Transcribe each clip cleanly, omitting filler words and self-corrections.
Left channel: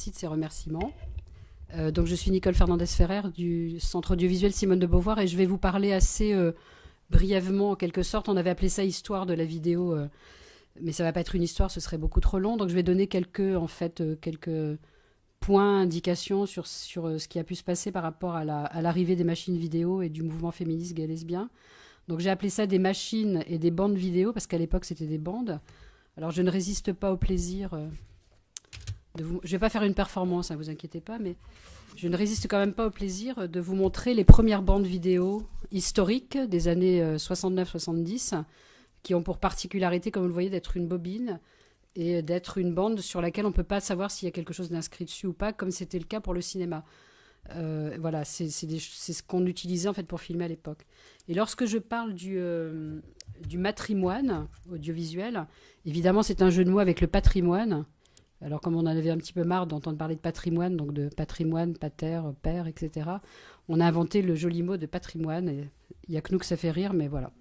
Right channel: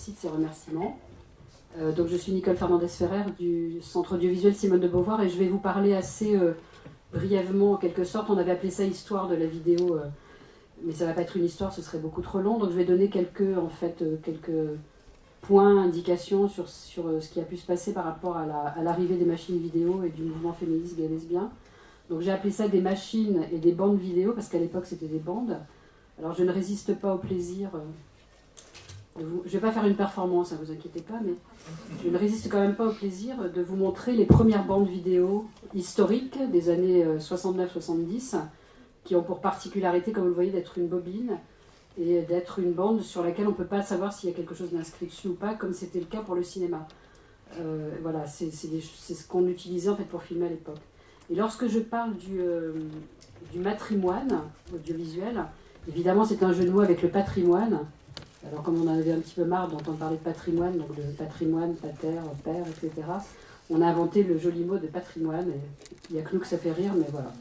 merci de ces remerciements. Donc je suis Nicole Fernandez-Ferrer du Centre audiovisuel Simone de Beauvoir et je vais vous parler assez brièvement en quelque sorte. On avait appelé ça histoire de la vidéo, mais ça ne va pas être une histoire, ce serait beaucoup trop long. Donc je vais donner quelques points, indications sur ce qui a pu se passer par rapport à l'arrivée des machines vidéo et du mouvement féministe gay lesbien. Donc j'ai appelé ça des machines et des bandes vidéo parce qu'à l'époque c'était des bandes. Alors je ne résiste pas au plaisir je ne vais pas faire une performance, ne vous inquiétez pas, mais je ne résiste quand même pas au plaisir de vous montrer les premières bandes vidéo historiques des années 69-70 qui ont pour particularité, comme vous le voyez, d'être une bobine et d'être une bande sur laquelle on ne peut pas savoir s'il y a quelque chose d'inscrit dessus ou pas, comme c'était le cas pour le cinéma. Voilà, c'est ce qu'on utilisait en fait pour filmer à l'époque. Et lorsque je parle du matrimoine audiovisuel, évidemment c'est un jeu de mots avec le patrimoine. Alors comme on en avait un petit peu marre d'entendre parler de patrimoine, donc de patrimoine, pater, père, etc., on a inventé le joli mot de patrimoine, et il n'y a que nous que ça fait rire, mais voilà.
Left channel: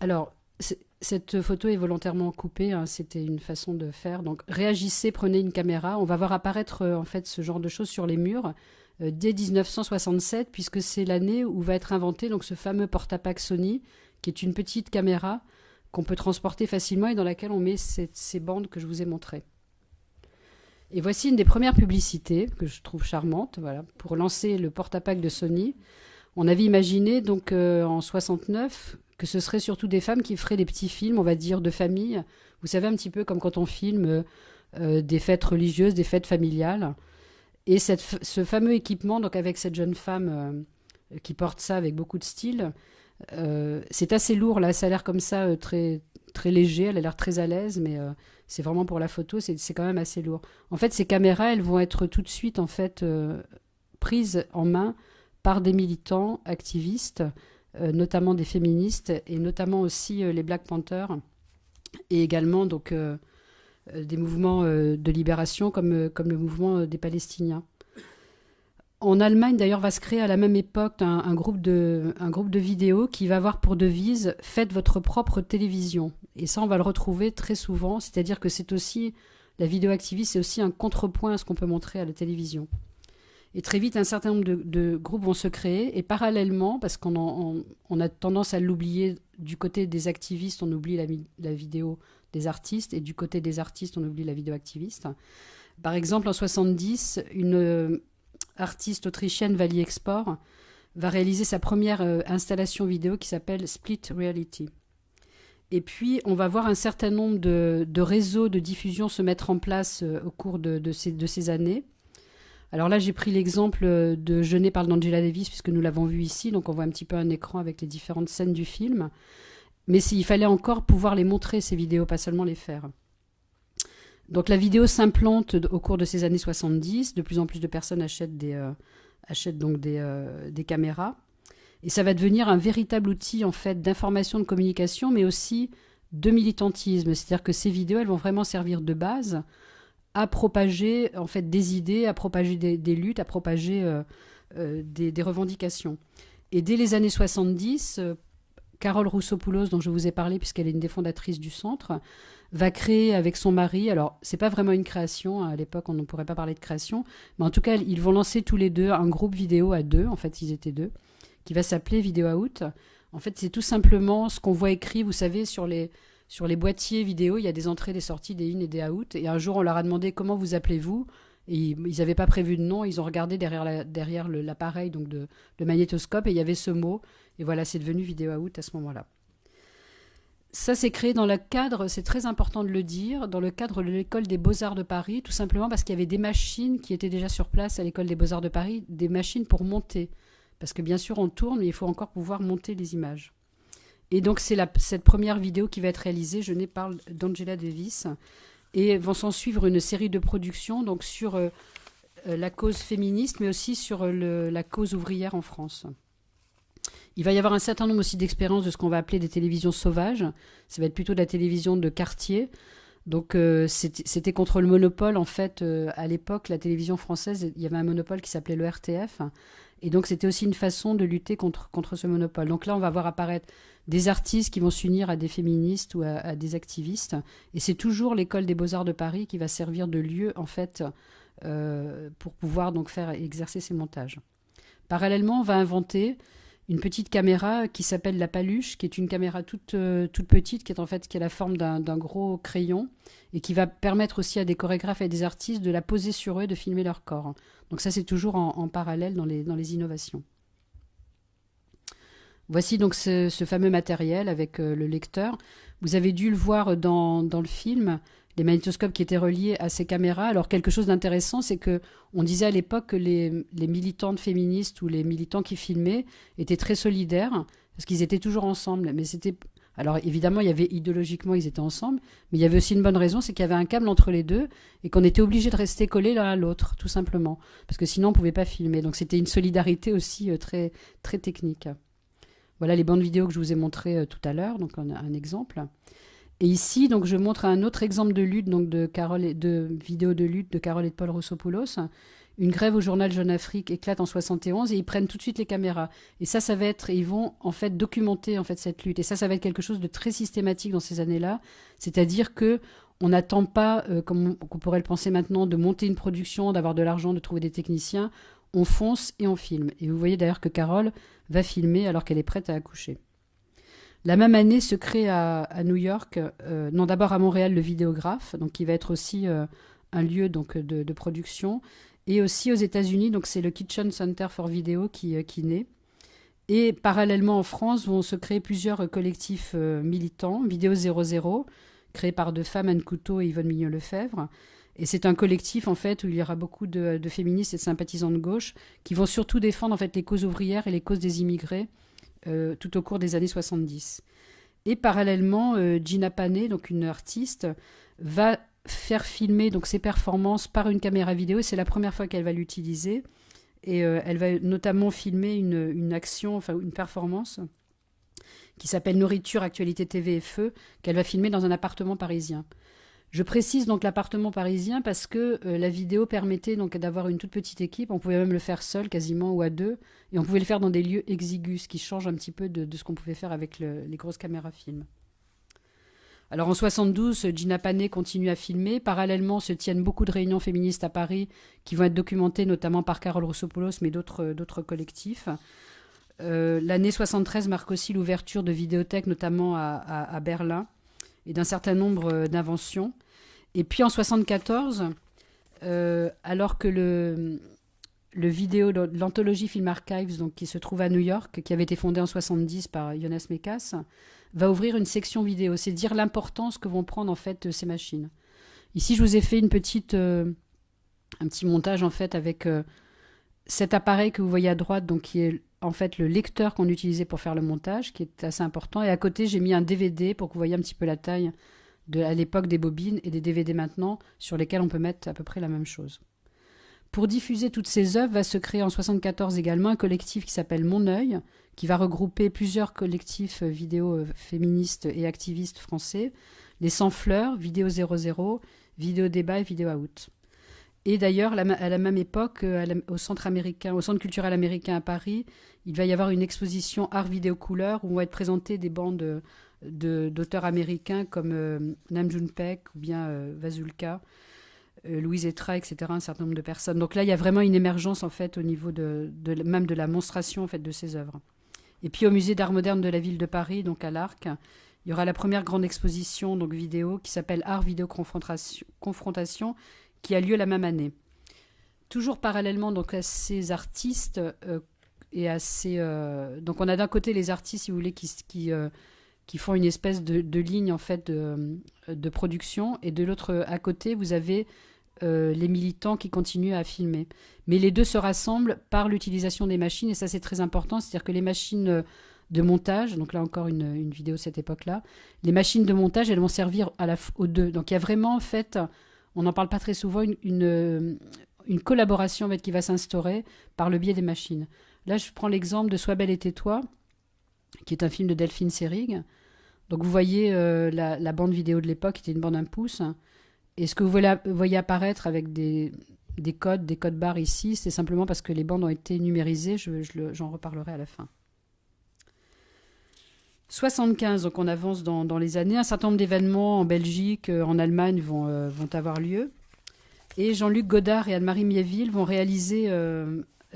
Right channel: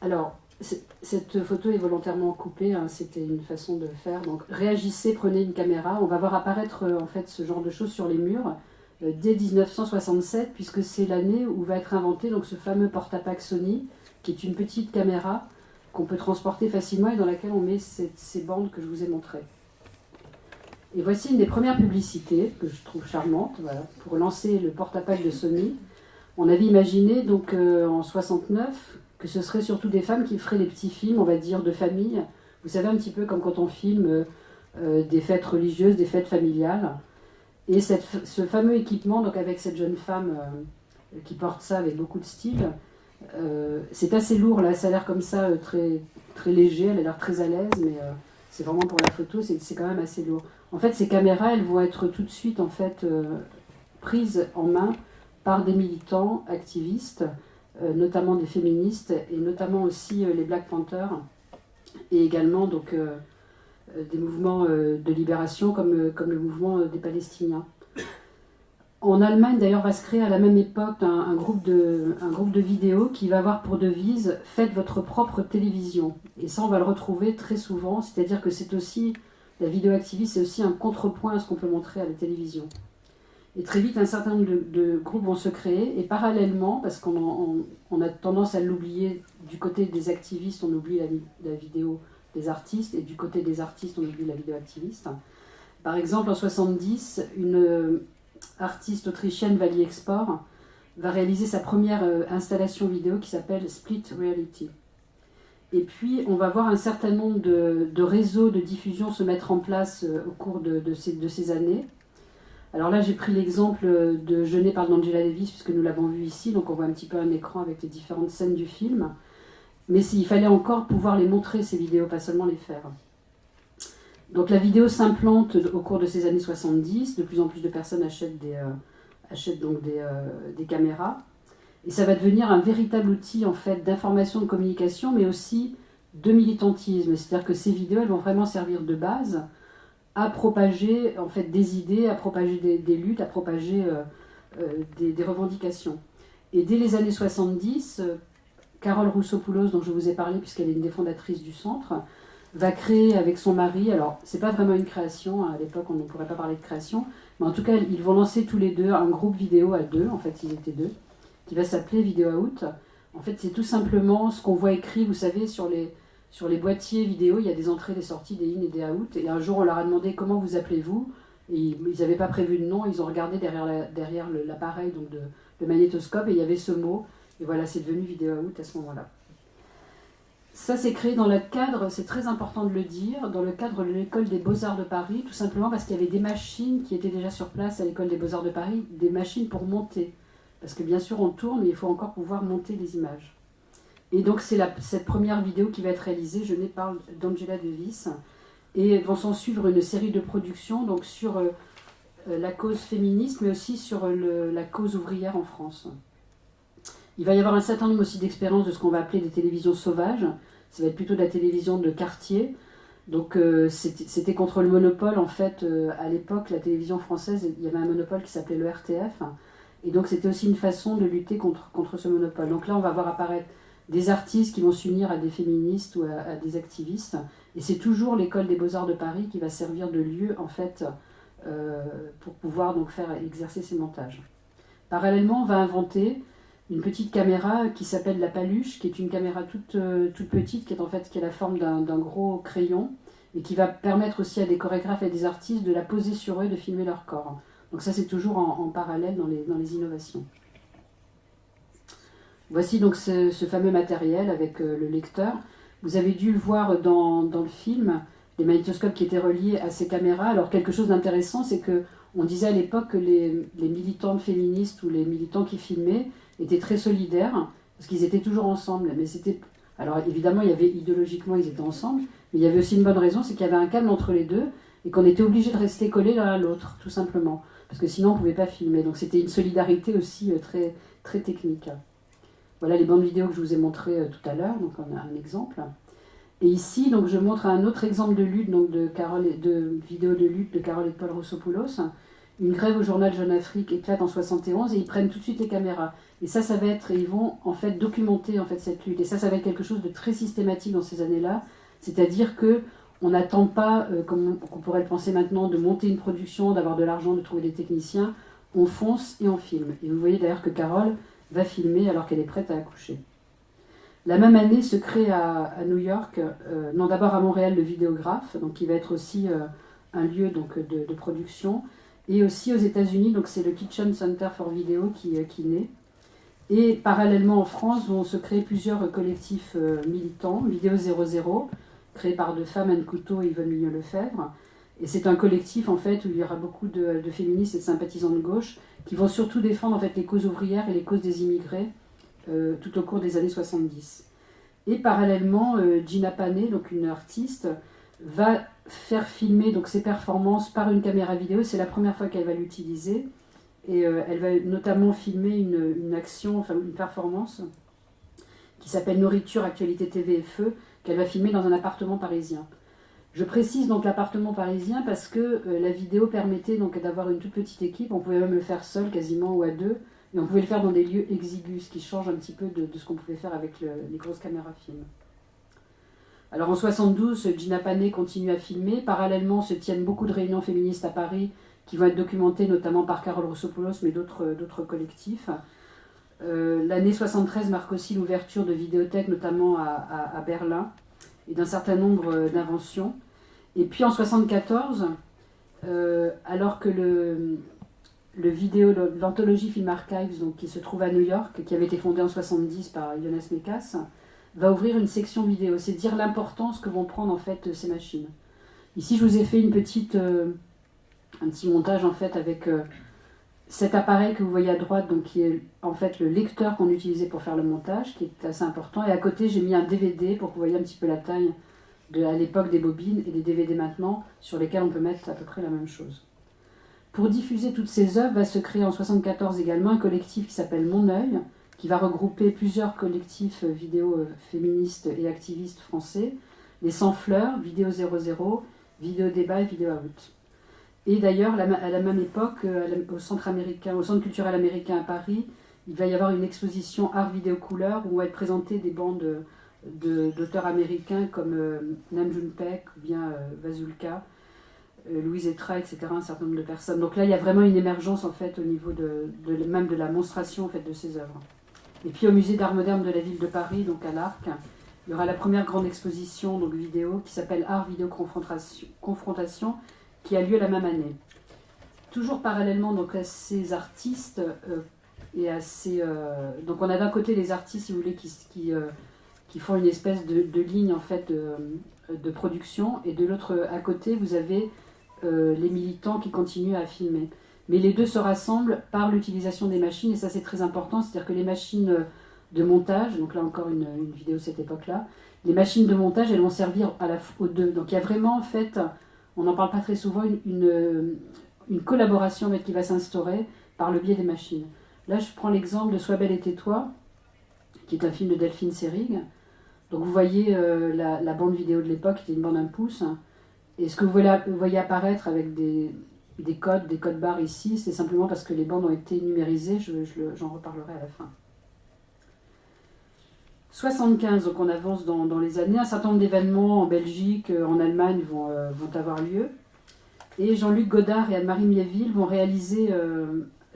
Alors, cette photo est volontairement coupée, hein, c'était une façon de faire. Donc réagissez, prenez une caméra, on va voir apparaître en fait ce genre de choses sur les murs dès 1967, puisque c'est l'année où va être inventé donc, ce fameux porte-à-pack Sony, qui est une petite caméra qu'on peut transporter facilement et dans laquelle on met ces bandes que je vous ai montrées. Et voici une des premières publicités que je trouve charmante, voilà, pour lancer le porte-à-pack de Sony. On avait imaginé donc en 69 que ce serait surtout des femmes qui feraient des petits films, on va dire, de famille. Vous savez, un petit peu comme quand on filme des fêtes religieuses, des fêtes familiales. Et ce fameux équipement, donc avec cette jeune femme qui porte ça avec beaucoup de style, c'est assez lourd là, ça a l'air comme ça très, très léger, elle a l'air très à l'aise, mais c'est vraiment pour la photo, c'est quand même assez lourd. En fait, ces caméras, elles vont être tout de suite en fait, prises en main par des militants activistes, notamment des féministes et notamment aussi les Black Panthers et également donc, des mouvements de libération comme le mouvement des Palestiniens. En Allemagne, d'ailleurs, va se créer à la même époque un groupe de vidéos qui va avoir pour devise « Faites votre propre télévision ». Et ça, on va le retrouver très souvent, c'est-à-dire que c'est aussi, la vidéo activiste, c'est aussi un contrepoint à ce qu'on peut montrer à la télévision. Et très vite, un certain nombre de groupes vont se créer, et parallèlement, parce qu'on a tendance à l'oublier, du côté des activistes, on oublie la vidéo des artistes, et du côté des artistes, on oublie la vidéo activiste. Par exemple, en 70, une artiste autrichienne, Vali Export, va réaliser sa première installation vidéo qui s'appelle Split Reality. Et puis, on va voir un certain nombre de réseaux de diffusion se mettre en place au cours de ces années. Alors là, j'ai pris l'exemple de Je n'ai parle d'Angela Davis, puisque nous l'avons vu ici, donc on voit un petit peu un écran avec les différentes scènes du film. Mais il fallait encore pouvoir les montrer, ces vidéos, pas seulement les faire. Donc la vidéo s'implante au cours de ces années 70, de plus en plus de personnes achètent donc des caméras, et ça va devenir un véritable outil en fait, d'information, de communication, mais aussi de militantisme. C'est-à-dire que ces vidéos, elles vont vraiment servir de base à propager en fait, des idées, à propager des luttes, à propager des revendications. Et dès les années 70, Carole Roussopoulos, dont je vous ai parlé puisqu'elle est une des fondatrices du centre, va créer avec son mari, alors c'est pas vraiment une création, à l'époque on ne pourrait pas parler de création, mais en tout cas ils vont lancer tous les deux un groupe vidéo à deux, en fait ils étaient deux, qui va s'appeler Video Out. En fait c'est tout simplement ce qu'on voit écrit, vous savez, sur les boîtiers vidéo, il y a des entrées, des sorties, des in et des out, et un jour on leur a demandé comment vous appelez-vous, et ils n'avaient pas prévu de nom, ils ont regardé derrière l'appareil donc le magnétoscope, et il y avait ce mot, et voilà, c'est devenu Video Out à ce moment-là. Ça s'est créé dans le cadre, c'est très important de le dire, dans le cadre de l'école des Beaux-Arts de Paris, tout simplement parce qu'il y avait des machines qui étaient déjà sur place à l'école des Beaux-Arts de Paris, des machines pour monter. Parce que bien sûr on tourne, mais il faut encore pouvoir monter les images. Et donc c'est cette première vidéo qui va être réalisée, je n'ai parle d'Angela Davis, et vont s'en suivre une série de productions donc sur la cause féministe, mais aussi sur la cause ouvrière en France. Il va y avoir un certain nombre aussi d'expériences de ce qu'on va appeler des télévisions sauvages. Ça va être plutôt de la télévision de quartier. Donc c'était contre le monopole. En fait, à l'époque, la télévision française, il y avait un monopole qui s'appelait le RTF. Et donc c'était aussi une façon de lutter contre ce monopole. Donc là, on va voir apparaître des artistes qui vont s'unir à des féministes ou à des activistes. Et c'est toujours l'école des Beaux-Arts de Paris qui va servir de lieu, en fait, pour pouvoir donc exercer ces montages. Parallèlement, on va inventer une petite caméra qui s'appelle la paluche, qui est une caméra toute petite, qui est la forme d'un gros crayon, et qui va permettre aussi à des chorégraphes et des artistes de la poser sur eux, de filmer leur corps. Donc ça, c'est toujours en parallèle dans les innovations. Voici donc ce fameux matériel avec le lecteur. Vous avez dû le voir dans le film, les magnétoscopes qui étaient reliés à ces caméras. Alors quelque chose d'intéressant, c'est que on disait à l'époque que les militantes féministes ou les militants qui filmaient étaient très solidaires, parce qu'ils étaient toujours ensemble. Mais c'était... Alors évidemment, idéologiquement, ils étaient ensemble, mais il y avait aussi une bonne raison, c'est qu'il y avait un câble entre les deux, et qu'on était obligé de rester collés l'un à l'autre, tout simplement. Parce que sinon, on ne pouvait pas filmer. Donc c'était une solidarité aussi très, très technique. Voilà les bandes vidéo que je vous ai montrées tout à l'heure, donc on a un exemple. Et ici, donc, je montre un autre exemple de lutte, donc de vidéo de lutte de Carole et de Paul Rossopoulos. Une grève au journal Jeune Afrique éclate en 71 et ils prennent tout de suite les caméras. Et ça va être, ils vont en fait documenter en fait cette lutte. Et ça va être quelque chose de très systématique dans ces années-là. C'est-à-dire que on n'attend pas, comme on pourrait le penser maintenant, de monter une production, d'avoir de l'argent, de trouver des techniciens. On fonce et on filme. Et vous voyez d'ailleurs que Carole va filmer alors qu'elle est prête à accoucher. La même année se crée à New York, non d'abord à Montréal, le vidéographe, donc qui va être aussi un lieu donc, de production, et aussi aux États-Unis, donc c'est le Kitchen Center for Video qui naît. Et parallèlement en France, vont se créer plusieurs collectifs militants, Vidéo 00, créé par deux femmes, Anne Couteau et Yvonne Mignot-Lefebvre. Et c'est un collectif en fait où il y aura beaucoup de féministes et de sympathisants de gauche qui vont surtout défendre en fait les causes ouvrières et les causes des immigrés tout au cours des années 70. Et parallèlement, Gina Panet, donc une artiste, va faire filmer donc ses performances par une caméra vidéo. C'est la première fois qu'elle va l'utiliser. Et elle va notamment filmer une action, enfin une performance qui s'appelle Nourriture, Actualité TV et Feu, qu'elle va filmer dans un appartement parisien. Je précise donc l'appartement parisien parce que la vidéo permettait donc d'avoir une toute petite équipe. On pouvait même le faire seul quasiment ou à deux. Et on pouvait le faire dans des lieux exigus, ce qui change un petit peu de ce qu'on pouvait faire avec les grosses caméras film. Alors en 72, Gina Panet continue à filmer. Parallèlement se tiennent beaucoup de réunions féministes à Paris qui vont être documentées notamment par Carole Rossopoulos, mais d'autres collectifs. L'année 73 marque aussi l'ouverture de vidéothèques, notamment à Berlin, et d'un certain nombre d'inventions. Et puis en 74, alors que l'anthologie Film Archives, donc, qui se trouve à New York, qui avait été fondée en 70 par Jonas Mekas, va ouvrir une section vidéo. C'est dire l'importance que vont prendre en fait ces machines. Ici, je vous ai fait un petit montage en fait avec cet appareil que vous voyez à droite, donc qui est en fait le lecteur qu'on utilisait pour faire le montage, qui est assez important. Et à côté, j'ai mis un DVD pour que vous voyez un petit peu la taille à l'époque des bobines et des DVD maintenant, sur lesquels on peut mettre à peu près la même chose. Pour diffuser toutes ces œuvres, va se créer en 1974 également un collectif qui s'appelle Mon Œil, qui va regrouper plusieurs collectifs vidéo féministes et activistes français, les Sans Fleurs, Vidéo 00, Vidéo Débat et Vidéo Out. Et d'ailleurs, à la même époque, au Centre culturel américain à Paris, il va y avoir une exposition Art Vidéo Couleur où vont être présentées des bandes d'auteurs américains comme Nam June Paik ou bien Vasulka, Louise Etra, etc., un certain nombre de personnes. Donc là, il y a vraiment une émergence en fait au niveau même de la monstration en fait, de ces œuvres. Et puis au musée d'art moderne de la ville de Paris, donc à l'Arc, il y aura la première grande exposition donc vidéo qui s'appelle Art Vidéo Confrontation, qui a lieu la même année. Toujours parallèlement donc à ces artistes et à ces donc on a d'un côté les artistes si vous voulez qui font une espèce de ligne en fait de production, et de l'autre à côté vous avez les militants qui continuent à filmer. Mais les deux se rassemblent par l'utilisation des machines, et ça c'est très important, c'est-à-dire que les machines de montage, donc là encore une vidéo de cette époque-là, les machines de montage elles vont servir aux deux. Donc il y a vraiment en fait, on n'en parle pas très souvent, une collaboration en fait, qui va s'instaurer par le biais des machines. Là je prends l'exemple de Sois belle et tais-toi, qui est un film de Delphine Seyrig. Donc vous voyez la bande vidéo de l'époque, qui était une bande 1 pouce. Et ce que vous voyez apparaître avec des codes barres ici, c'est simplement parce que les bandes ont été numérisées, j'en reparlerai à la fin. 75, donc on avance dans les années. Un certain nombre d'événements en Belgique, en Allemagne vont avoir lieu. Et Jean-Luc Godard et Anne-Marie Miéville vont réaliser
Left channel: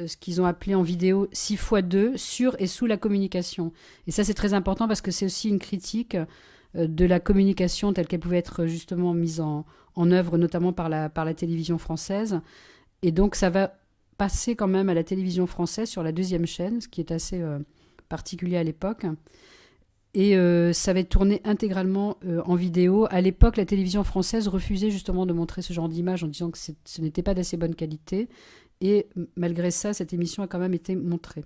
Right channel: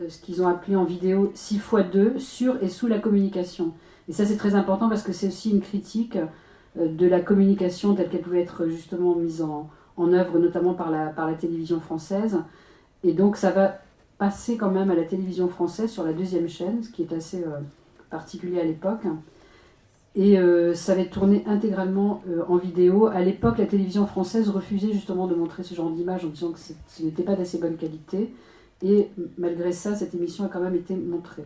ce qu'ils ont appelé en vidéo 6x2 sur et sous la communication. Et ça, c'est très important parce que c'est aussi une critique de la communication telle qu'elle pouvait être justement mise en œuvre, notamment par la télévision française. Et donc, ça va passer quand même à la télévision française sur la deuxième chaîne, ce qui est assez particulier à l'époque. Et ça va être tourné intégralement en vidéo. À l'époque, la télévision française refusait justement de montrer ce genre d'image en disant que ce n'était pas d'assez bonne qualité. Et malgré ça, cette émission a quand même été montrée.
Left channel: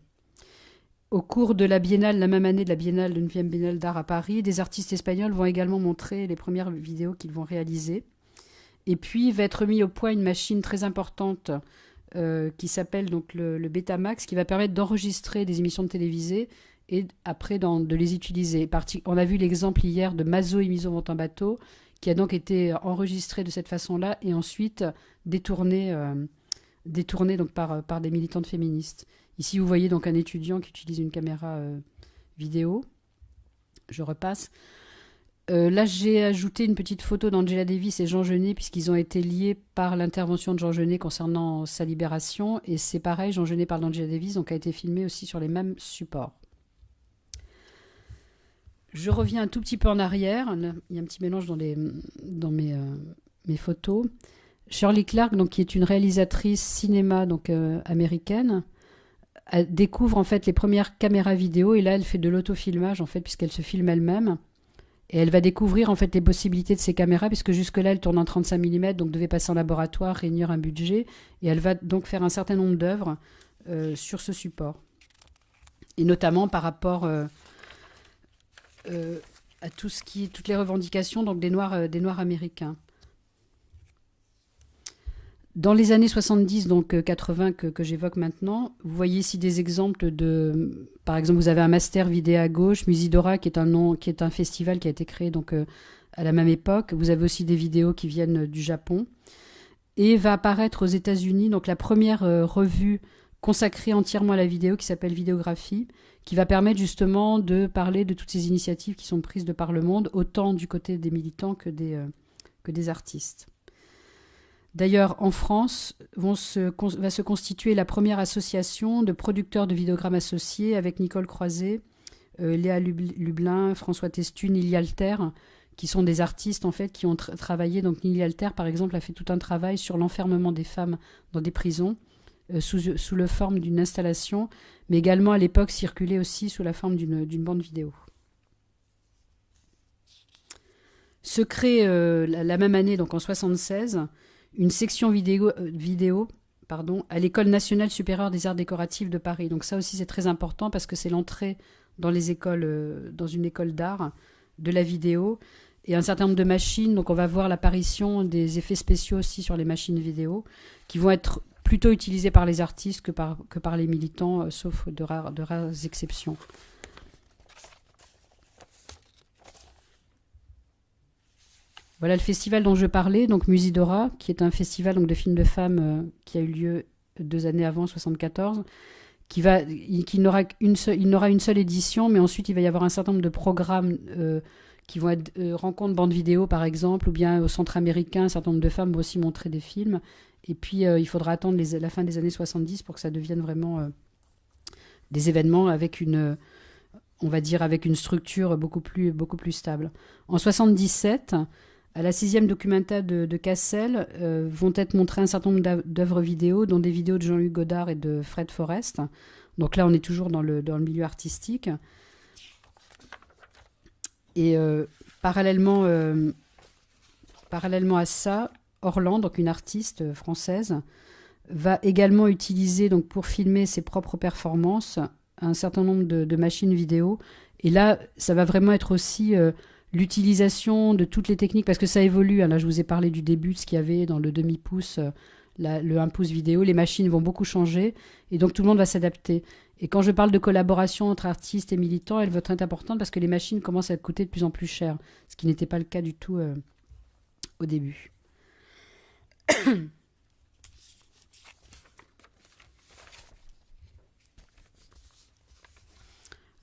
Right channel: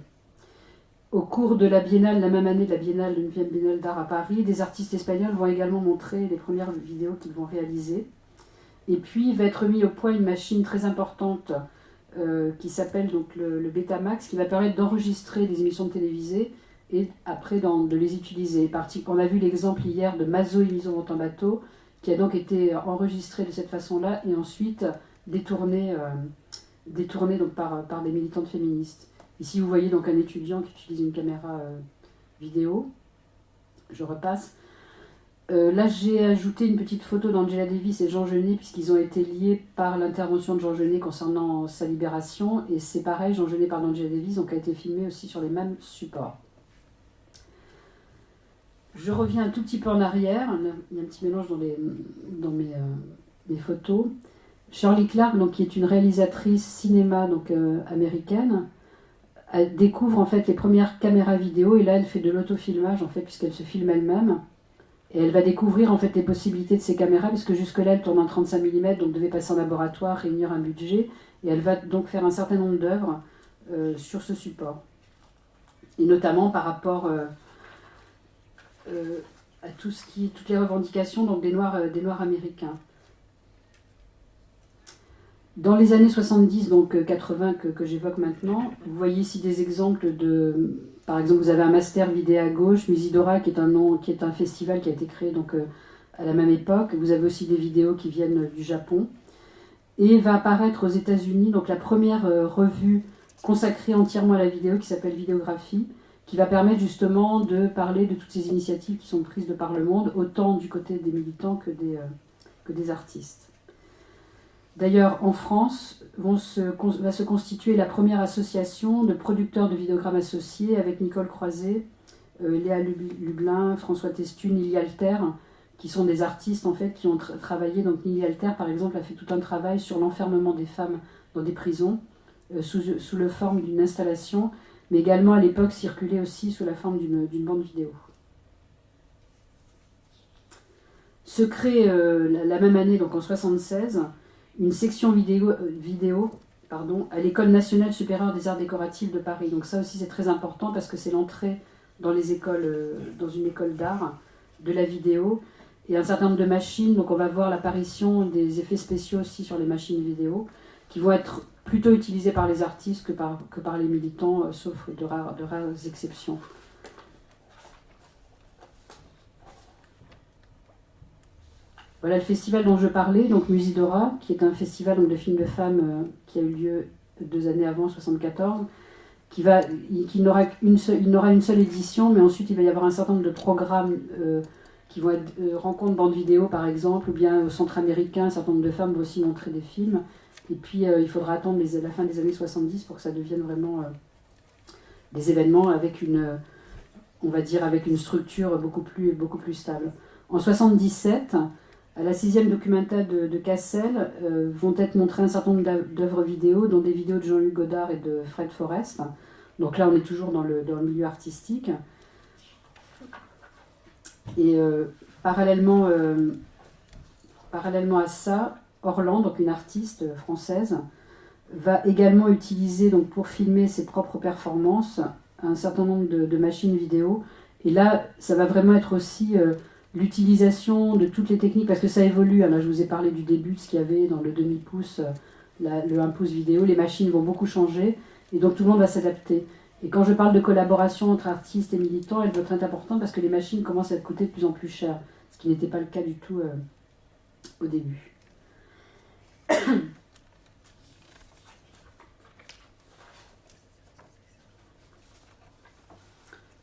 Au cours de la biennale, la même année de la biennale, de 9e biennale d'art à Paris, des artistes espagnols vont également montrer les premières vidéos qu'ils vont réaliser. Et puis va être mis au point une machine très importante qui s'appelle donc le Betamax, qui va permettre d'enregistrer des émissions télévisées et après de les utiliser. On a vu l'exemple hier de Mazo et Miso vont en bateau, qui a donc été enregistré de cette façon-là et ensuite détourné donc par des militantes féministes. Ici, vous voyez donc un étudiant qui utilise une caméra vidéo. Je repasse. Là, j'ai ajouté une petite photo d'Angela Davis et Jean Genet, puisqu'ils ont été liés par l'intervention de Jean Genet concernant sa libération. Et c'est pareil, Jean Genet parle d'Angela Davis, donc a été filmé aussi sur les mêmes supports. Je reviens un tout petit peu en arrière. Là, il y a un petit mélange dans mes photos. Shirley Clark, donc, qui est une réalisatrice cinéma donc, américaine, découvre en fait les premières caméras vidéo et là elle fait de l'autofilmage en fait puisqu'elle se filme elle-même et elle va découvrir en fait les possibilités de ces caméras puisque jusque-là elle tourne en 35 mm donc devait passer en laboratoire, réunir un budget et elle va donc faire un certain nombre d'œuvres sur ce support et notamment par rapport à toutes les revendications donc des noirs américains. Dans les années 70, donc 80 que j'évoque maintenant, vous voyez ici des exemples de... Par exemple, vous avez un master vidéo à gauche, Musidora, qui est un festival qui a été créé donc, à la même époque. Vous avez aussi des vidéos qui viennent du Japon. Et va apparaître aux États-Unis donc la première revue consacrée entièrement à la vidéo qui s'appelle Vidéographie, qui va permettre justement de parler de toutes ces initiatives qui sont prises de par le monde, autant du côté des militants que des artistes. D'ailleurs, en France, va se constituer la première association de producteurs de vidéogrammes associés avec Nicole Croiset, Léa Lublin, François Testu, Nili Alter, qui sont des artistes en fait qui ont travaillé. Donc Nili Alter, par exemple, a fait tout un travail sur l'enfermement des femmes dans des prisons sous la forme d'une installation, mais également à l'époque circulait aussi sous la forme d'une bande vidéo. Se crée la même année, donc en 1976, une section vidéo à l'École nationale supérieure des arts décoratifs de Paris. Donc ça aussi c'est très important parce que c'est l'entrée dans les écoles, dans une école d'art de la vidéo et un certain nombre de machines. Donc on va voir l'apparition des effets spéciaux aussi sur les machines vidéo qui vont être plutôt utilisées par les artistes que par les militants, sauf de rares exceptions. Voilà le festival dont je parlais, donc Musidora, qui est un festival donc, de films de femmes qui a eu lieu 2 années avant, 1974, il n'aura une seule édition, mais ensuite il va y avoir un certain nombre de programmes qui vont être rencontres bande vidéo par exemple, ou bien au centre américain, un certain nombre de femmes vont aussi montrer des films. Et puis il faudra attendre la fin des années 70 pour que ça devienne vraiment des événements avec une structure beaucoup plus stable. En 1977, à la 6e documenta de Cassel, vont être montrées un certain nombre d'œuvres vidéo, dont des vidéos de Jean-Luc Godard et de Fred Forrest. Donc là, on est toujours dans le milieu artistique. Et parallèlement à ça, Orlan, donc une artiste française, va également utiliser donc, pour filmer ses propres performances un certain nombre de machines vidéo. Et là, ça va vraiment être aussi... l'utilisation de toutes les techniques, parce que ça évolue. Là, je vous ai parlé du début, de ce qu'il y avait dans le demi-pouce, le 1 pouce vidéo. Les machines vont beaucoup changer, et donc tout le monde va s'adapter. Et quand je parle de collaboration entre artistes et militants, elle va être importante parce que les machines commencent à coûter de plus en plus cher, ce qui n'était pas le cas du tout au début.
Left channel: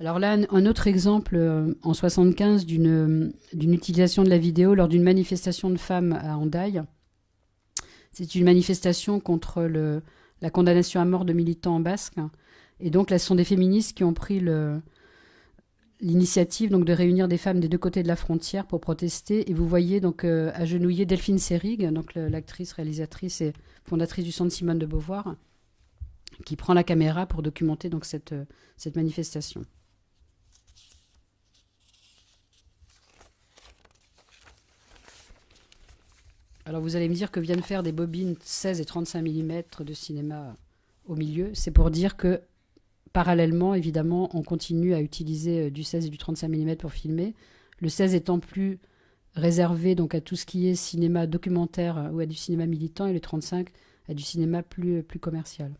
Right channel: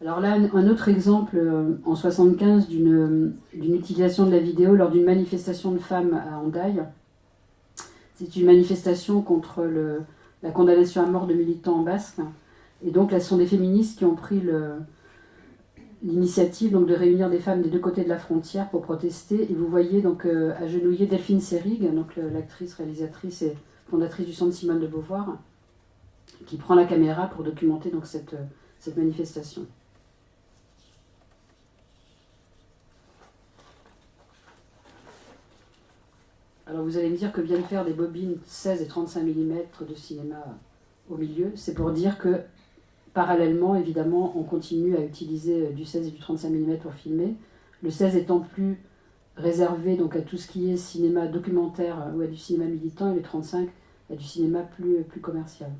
Alors là, un autre exemple en 75 d'une utilisation de la vidéo lors d'une manifestation de femmes à Hendaye. C'est une manifestation contre la condamnation à mort de militants en basque. Et donc là, ce sont des féministes qui ont pris l'initiative donc, de réunir des femmes des deux côtés de la frontière pour protester. Et vous voyez donc agenouiller Delphine Seyrig, donc l'actrice, réalisatrice et fondatrice du Centre Simone de Beauvoir, qui prend la caméra pour documenter donc, cette manifestation. Alors vous allez me dire que viennent faire des bobines 16 et 35 mm de cinéma au milieu. C'est pour dire que parallèlement, évidemment, on continue à utiliser du 16 et du 35 mm pour filmer. Le 16 étant plus réservé donc, à tout ce qui est cinéma documentaire ou à du cinéma militant, et le 35 à du cinéma plus commercial.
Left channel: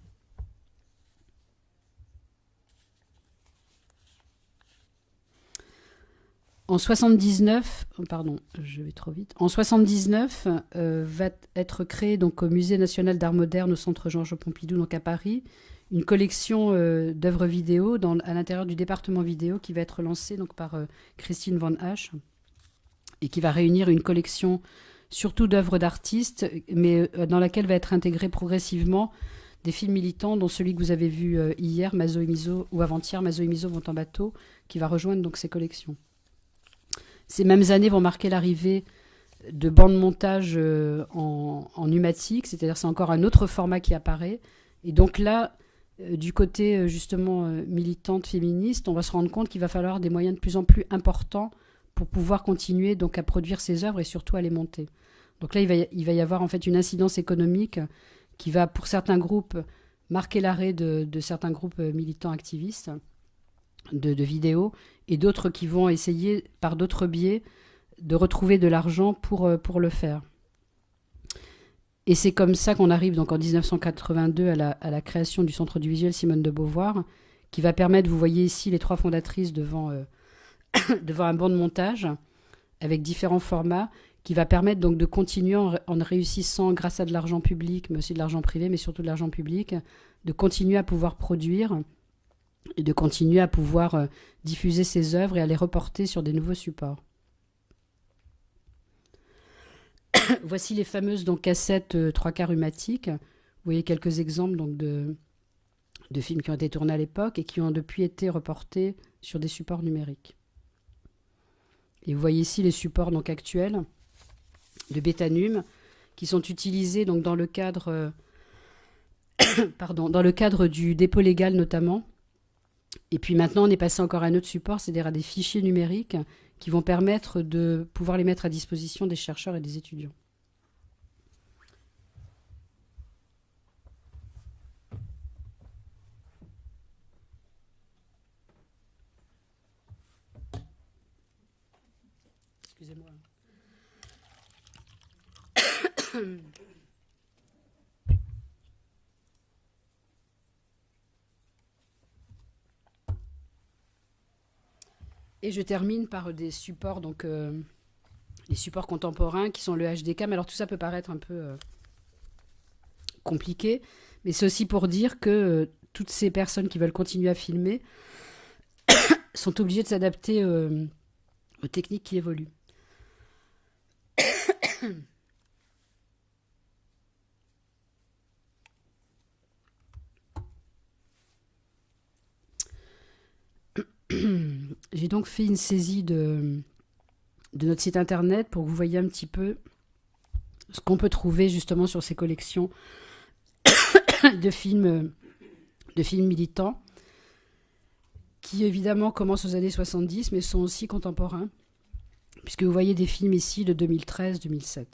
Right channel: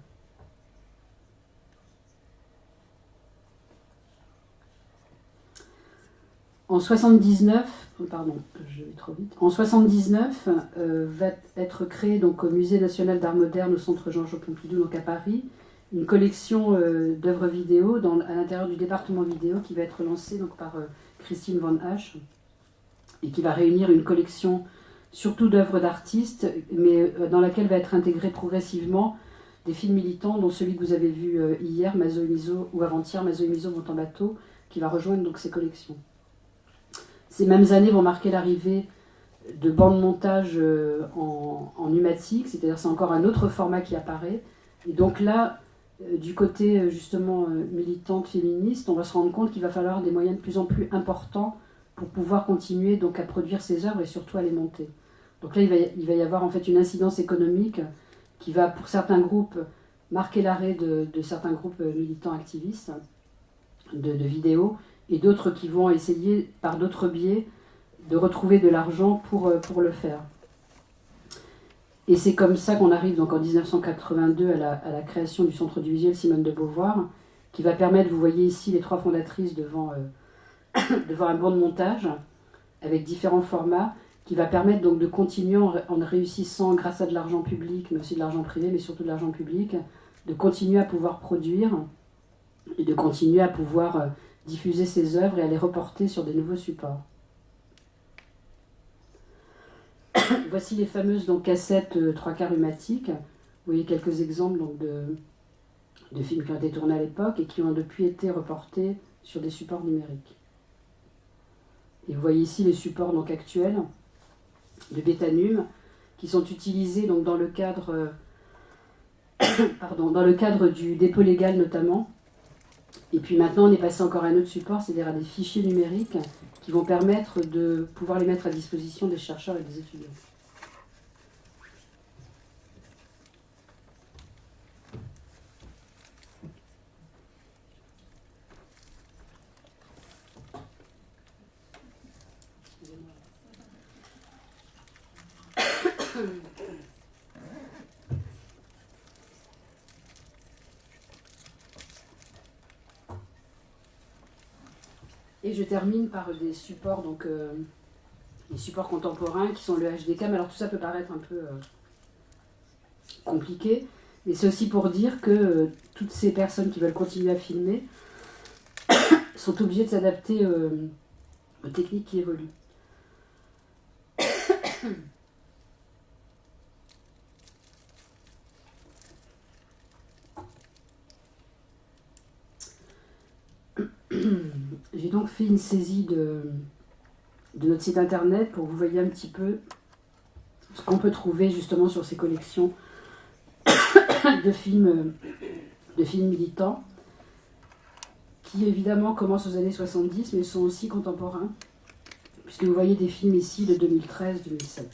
En 79, pardon, je vais trop vite. En 79, va être créée donc au Musée national d'art moderne au Centre Georges Pompidou, donc à Paris, une collection d'œuvres vidéo à l'intérieur du département vidéo qui va être lancée donc par Christine Van Hache et qui va réunir une collection surtout d'œuvres d'artistes, mais dans laquelle va être intégré progressivement des films militants, dont celui que vous avez vu hier, Mazo et Mizo, ou avant-hier, Mazo et Mizo vont en bateau, qui va rejoindre donc ces collections. Ces mêmes années vont marquer l'arrivée de bandes montage en pneumatique, c'est-à-dire c'est encore un autre format qui apparaît. Et donc là, du côté justement militante féministe, on va se rendre compte qu'il va falloir des moyens de plus en plus importants pour pouvoir continuer donc à produire ces œuvres et surtout à les monter. Donc là, il va y avoir en fait une incidence économique qui va, pour certains groupes, marquer l'arrêt de certains groupes militants activistes de vidéos, et d'autres qui vont essayer, par d'autres biais, de retrouver de l'argent pour le faire. Et c'est comme ça qu'on arrive donc en 1982 à la création du Centre du Visuel Simone de Beauvoir, qui va permettre, vous voyez ici les trois fondatrices devant un banc de montage, avec différents formats, qui va permettre donc de continuer en réussissant, grâce à de l'argent public, mais aussi de l'argent privé, mais surtout de l'argent public, de continuer à pouvoir produire et de continuer à pouvoir diffuser ses œuvres et à les reporter sur des nouveaux supports. Voici les fameuses donc, cassettes 3/4 rhumatiques. Vous voyez quelques exemples donc, de films qui ont été tournés à l'époque et qui ont depuis été reportés sur des supports numériques. Et vous voyez ici les supports donc, actuels de Bétanum qui sont utilisés donc, dans le cadre du dépôt légal notamment. Et puis maintenant, on est passé encore à un autre support, c'est-à-dire à des fichiers numériques qui vont permettre de pouvoir les mettre à disposition des chercheurs et des étudiants. Excusez-moi. Et je termine par des supports, donc les supports contemporains qui sont le HDCam. Alors tout ça peut paraître un peu compliqué, mais c'est aussi pour dire que toutes ces personnes qui veulent continuer à filmer sont obligées de s'adapter aux techniques qui évoluent. J'ai donc fait une saisie de notre site internet pour que vous voyez un petit peu ce qu'on peut trouver justement sur ces collections de films militants qui évidemment commencent aux années 70 mais sont aussi contemporains puisque vous voyez des films ici de 2013-2007.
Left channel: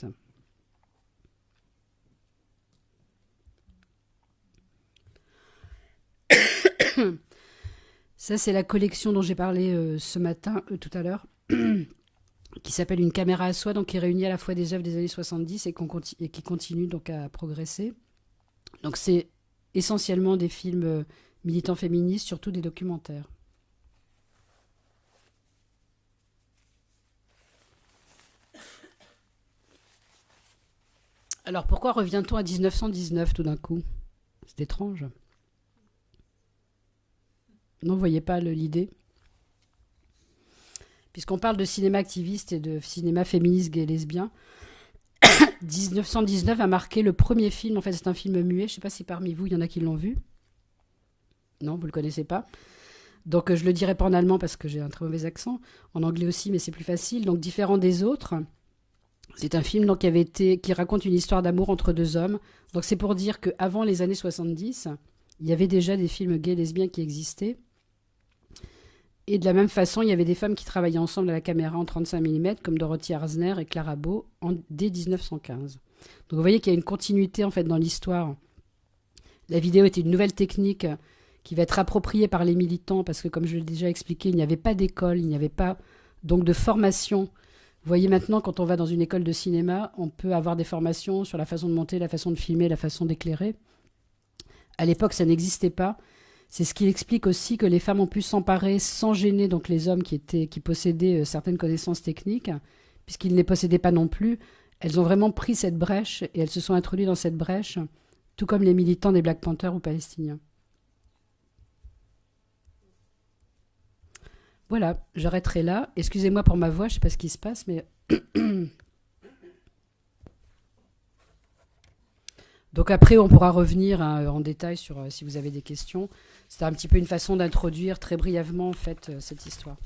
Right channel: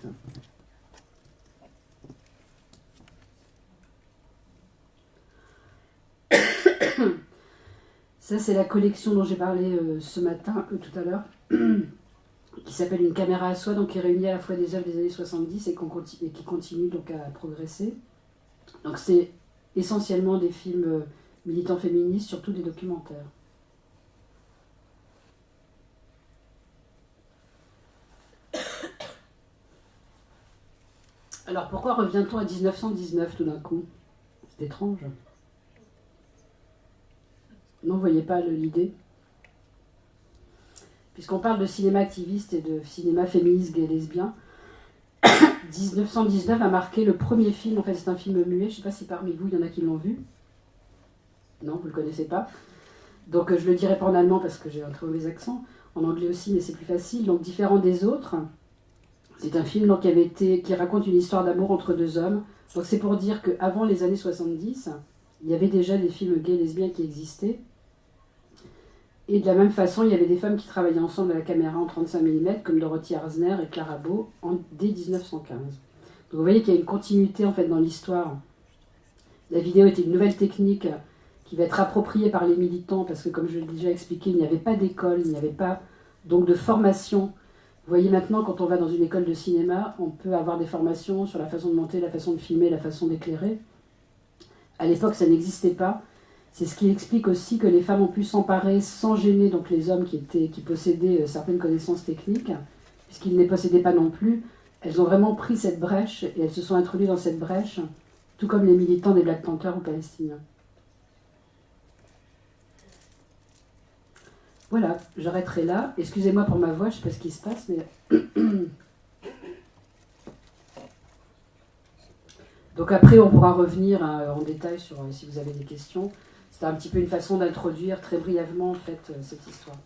Ça, c'est la collection dont j'ai parlé ce matin, tout à l'heure, qui s'appelle Une caméra à soi, donc qui réunit à la fois des œuvres des années 70 et qui continue donc à progresser. Donc c'est essentiellement des films militants féministes, surtout des documentaires. Alors pourquoi revient-on à 1919 tout d'un coup? C'est étrange. Non, vous voyez pas l'idée? puisqu'on parle de cinéma activiste et de cinéma féministe gay et lesbien. 1919 a marqué le premier film, en fait c'est un film muet, je ne sais pas si parmi vous il y en a qui l'ont vu. Non, vous ne le connaissez pas. Donc je le dirai pas en allemand parce que j'ai un très mauvais accent, en anglais aussi mais c'est plus facile, donc différent des autres. C'est un film donc, qui raconte une histoire d'amour entre deux hommes. Donc c'est pour dire qu'avant les années 70, il y avait déjà des films gays et lesbiens qui existaient. Et de la même façon, il y avait des femmes qui travaillaient ensemble à la caméra en 35 mm, comme Dorothy Arzner et Clara Bow, dès 1915. Donc vous voyez qu'il y a une continuité en fait dans l'histoire. La vidéo était une nouvelle technique qui va être appropriée par les militants, parce que comme je l'ai déjà expliqué, il n'y avait pas d'école, il n'y avait pas donc de formation. Vous voyez maintenant, quand on va dans une école de cinéma, on peut avoir des formations sur la façon de monter, la façon de filmer, la façon d'éclairer. À l'époque, ça n'existait pas. C'est ce qui explique aussi que les femmes ont pu s'emparer sans gêner donc les hommes qui possédaient certaines connaissances techniques, puisqu'ils ne les possédaient pas non plus. Elles ont vraiment pris cette brèche et elles se sont introduites dans cette brèche, tout comme les militants des Black Panthers ou palestiniens. Voilà, j'arrêterai là. Excusez-moi pour ma voix, je ne sais pas ce qui se passe, mais... Donc après, on pourra revenir en détail sur si vous avez des questions. C'était un petit peu une façon d'introduire très brièvement en fait cette histoire.